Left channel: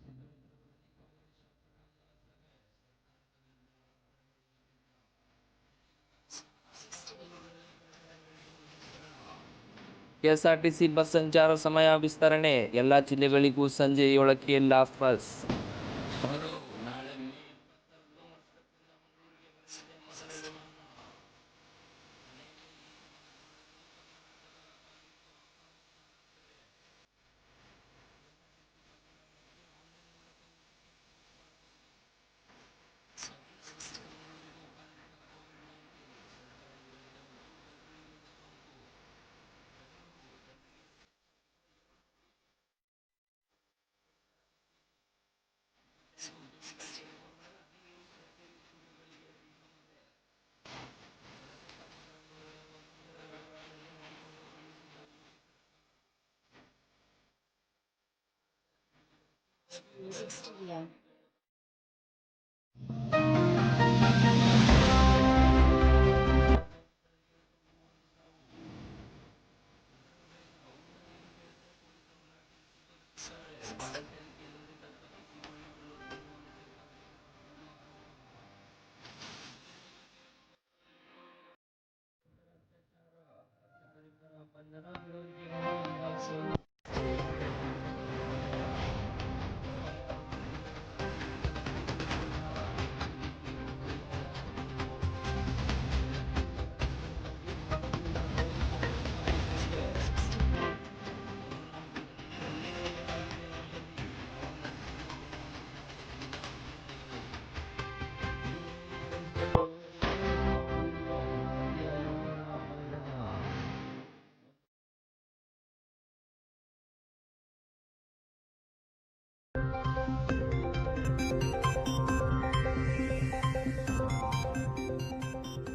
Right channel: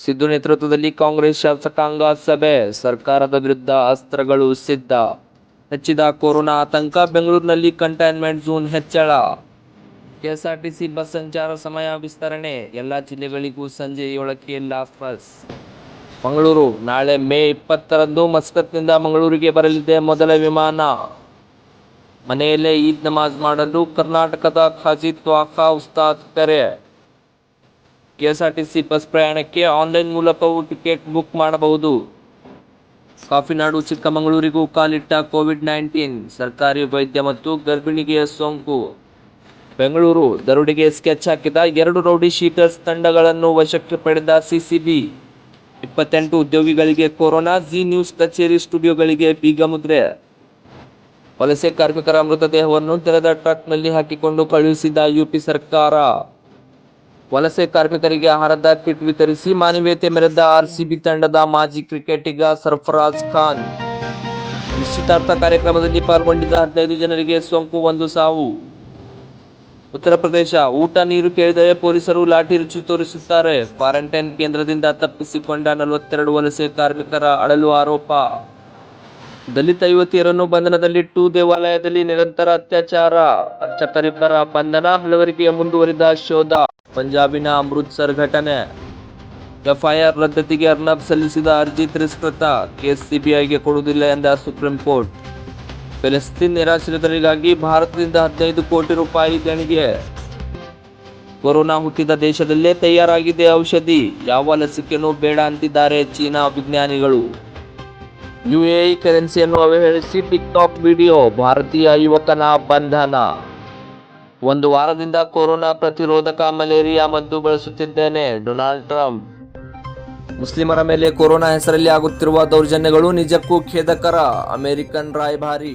ಸಿದ್ದು ನೇತೃತ್ವದಲ್ಲಿ ಕಾಂಗ್ರೆಸ್ ಶಾಸಕಾಂಗ ಸಭೆ. ಸರ್ಕಾರದ ವಿರುದ್ಧ ಅಸ್ತ್ರಗಳು ಸಿದ್ಧ. ಹೆಚ್ಚಿದ ಕೊರೋನಾ ಆತಂಕ. ಬೆಂಗಳೂರಿನಲ್ಲಿ ಕಂಟೈನ್ಮೆಂಟ್ ಝೋನ್ ಹೆಚ್ಚಳ. ಕೆಎಸ್ಆರ್ಟಿಸಿ ಬಸ್ ಸಂಚಾರ ಸಮಯ ವಿಸ್ತರಣೆ. ಎಲ್ಲಾ ಜಿಲ್ಲೆಗಳಿಗೂ ಸಂಜೆ 7ಕ್ಕೆ ಲಾಸ್ಟ್ ಬಸ್. ಮಂಗಳೂರು. ನಾಳೆ ಮೇ 20ರಂದು ಮಸ್ಕತ್ನಿಂದ ಮಂಗಳೂರಿಗೆ ಬರಲಿದೆ ಮೊದಲ ವಿಮಾನ. ಮನೆಯಲ್ಲೇ ಈದ್ ನಮಾಜ್ ಮಾಡಲು ಕರ್ನಾಟಕದ ಖಾಜಿ ತ್ವಾಖಾ ಉಸ್ತಾದ್ ಕರೆ. ಕೆಎಸ್ಆರ್ಟಿಸಿ ಬಸ್ ಪ್ರಯಾಣಕ್ಕೆ ಆನ್ಲೈನ್ ಮೂಲಕವೂ ಟಿಕೆಟ್ ಬುಕ್ ಮಾಡಬಹುದು. ಕಾಫಿನಾಡು ಚಿಕ್ಕಮಗಳೂರಿಗೂ ಕಾಲಿಟ್ಟ ಕೋವಿಡ್-19. ಸರ್ಕಾರಿ ವೈದ್ಯ ಮತ್ತು ಗರ್ಭಿಣಿಗೆ ಸೋಂಕು. ಬೆಂಗಳೂರು. ದರೋಡೆಗೆ ಸ್ಕೆಚ್ ಹಾಕಿದ 2 ರೌಡಿ ಶೀಟರ್ಸ್ ತಂಡಗಳನ್ನು ವಶಕ್ಕೆ ಪಡೆದ ಸಿಸಿಬಿ. 28 ಉದ್ಯೋಗಿಗಳಿಗೆ ಕೊರೋನಾ. ಜಿ ನ್ಯೂಸ್ ಕಚೇರಿ ಸ್ಟುಡಿಯೋಗಳಿಗೆ ಬೀಗಮುದ್ರೆ. ವಲಸೆ ಕಾರ್ಮಿಕರ ಮೃತದೇಹವನ್ನು ತೆರೆದ ಟ್ರಕ್ನಲ್ಲಿ ಹಾಕಿಕೊಂಡು ಕಳುಹಿಸಿದ ಯುಪಿ ಸರ್ಕಾರ. ವಲಸೆ ಕಾರ್ಮಿಕರಿಗೆ ಆಹಾರದ ಕಿಟ್ ವಿತರಿಸಿ ಮಾನವೀಯತೆ ಮೆರೆದ ಆರ್ಸಿಬಿ ತಂಡದ ಮಾಜಿ ಕ್ರಿಕೆಟಿಗ ಸರ್ಫರಾಜ್ ಖಾನ್. ನಿಶ್ಚಿತಾರ್ಥ ಕಾರ್ಯಕ್ರಮದಲ್ಲಿ ಪಾಲ್ಗೊಂಡಿದ್ದ 15 ಜನರಿಗೆ ಸೋಂಕು, 1 ಸಾವು. ಉತ್ತರ ಪ್ರದೇಶ. ಊಟ ನೀರು ಕೇಳಿದರೆ ಪೊಲೀಸರು ಲಾಠಿ ರುಚಿ ತೋರಿಸುತ್ತಾರೆ. ಕ್ವಾರಂಟೈನ್ ಕೇಂದ್ರದಿಂದ ತಪ್ಪಿಸಿಕೊಂಡ 42 ವಲಸೆ ಕಾರ್ಮಿಕರ ಅಳಲು ಆರೋಪ. ದಲಿತ ಯುವತಿಯರನ್ನು ಬಂಧನದಲ್ಲಿಟ್ಟು ದೇವಾಲಯದಲ್ಲಿ ನಿರಂತರ ಅತ್ಯಾಚಾರ. ಅರ್ಚಕರಿಬ್ಬರ ಬಂಧನ, ಹಲವರಿಗೆ ಮುಂದುವರಿದ ಶೋಧ. ಪಂಜಾಬಿನ ಅಮೃತ್ಸರ್ ಘಟನೆ. ಎಫ್ಐಆರ್ ರದ್ದತಿಗೆ ಅರ್ನಬ್ ಸಲ್ಲಿಸಿದ ಅರ್ಜಿ ತಿರಸ್ಕೃತ. ಕೇಸ್ ಸಿಬಿಐಗೆ ಕೊಡುವುದಿಲ್ಲ ಎಂದ ಸುಪ್ರೀಂ ಕೋರ್ಟ್. ಫೆಲೆಸ್ತೀನ್ ನಿರಾಶ್ರಿತರಿಗಾಗಿ ಭಾರತದಿಂದ 15 ಕೋಟಿ ರೂಪಾಯಿ ದೇಣಿಗೆ. ಕೊರೋನಾ ಹುಟ್ಟಿದ ದೇಶದಲ್ಲೇ ತಯಾರಾಗಿದೆ ಔಷಧಿ. ಯಾವ ಲಸಿಕೆನೂ ಬೇಡ ಅಂತಿದ್ದಾರೆ ಚೀನಾ ವಿಜ್ಞಾನಿಗಳು. ಯುಎಇ ಕರೆನ್ಸಿಯನ್ನು ಅವಹೇಳಿಸಿ ಟಿಕ್ಟಾಕ್ ವಿಡಿಯೋ. ಭಾರತೀಯ ಯುವಕನ ಬಂಧನ. 1 ವಾರದಿಂದ ಕೊರೋನಾ ಪ್ರತಿರೋಧಕ ಮಲೇರಿಯಾ ಮದ್ದು ಬಳಸುತ್ತಿದ್ದೇನೆ. Donald Trump. ಮುಸ್ಲಿಮರ ಮೇಲೆ ಕೊರೋನಾ ಹೆಸರಲ್ಲಿ ಆಗುತ್ತಿರುವ ದೌರ್ಜನ್ಯಗಳು ನಿಜಕ್ಕೂ ಖೇದಕರ. ಅಮೆರಿಕನ್ ರಾಯಭಾರಿ.